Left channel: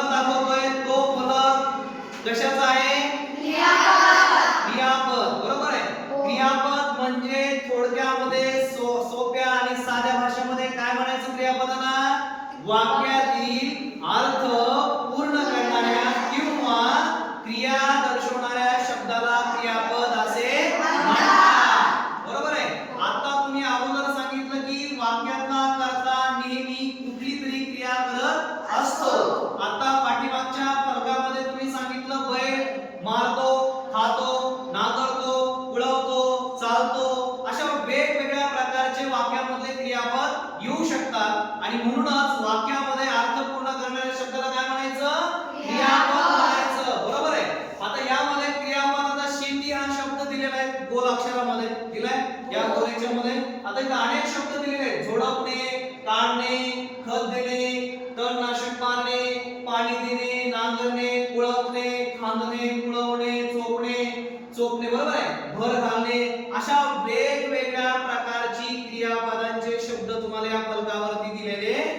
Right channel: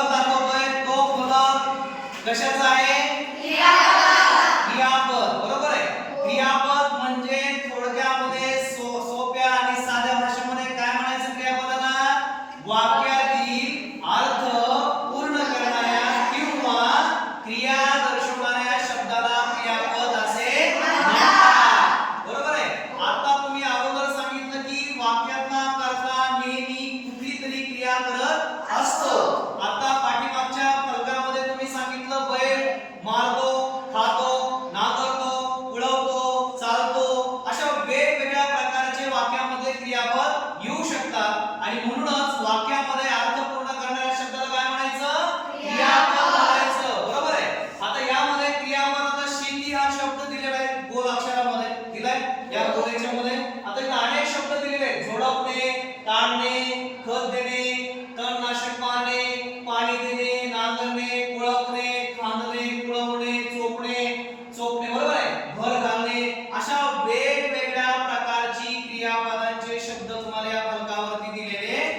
फलक दाखवतोय तो फलक कशाचा आहे? क्रियापद. बरोबर आहे? क्रियापद म्हणजे थोडक्यामध्ये सोप्या आणि साध्या भाषेमध्ये काय म्हणायचं क्रियापदांना वाक्यातील अर्थ पूर्ण करणाऱ्या किंवा क्रिया दर्शवणाऱ्या शब्दाला क्रियापद असे म्हणतात. बरोबर आहे? आता तुम्ही अगोदर सांगितलं की वाक्यात करता आता पाठीमागच्या फलकामध्ये तुम्ही सांगितलं बैल मारतो खातो नांगरतो उळवतो चालतो अशा वेगवेगळ्या प्रकारचे वाक्यामधले क्रियापद येऊ शकतात. आणि म्हणूनच वाक्यामध्ये अर्थ पूर्ण करणाऱ्या शब्दाला काय म्हणायचं? बरोबर आहे. आता यामध्ये हा शब्द दिलेला आहे गोल अक्षरामध्ये. दिलाय? या गोलेच्या याच्यामध्ये. आता चोळणे चोपणे चोपणे बरोबर आहे. भर घालणे अशा वेग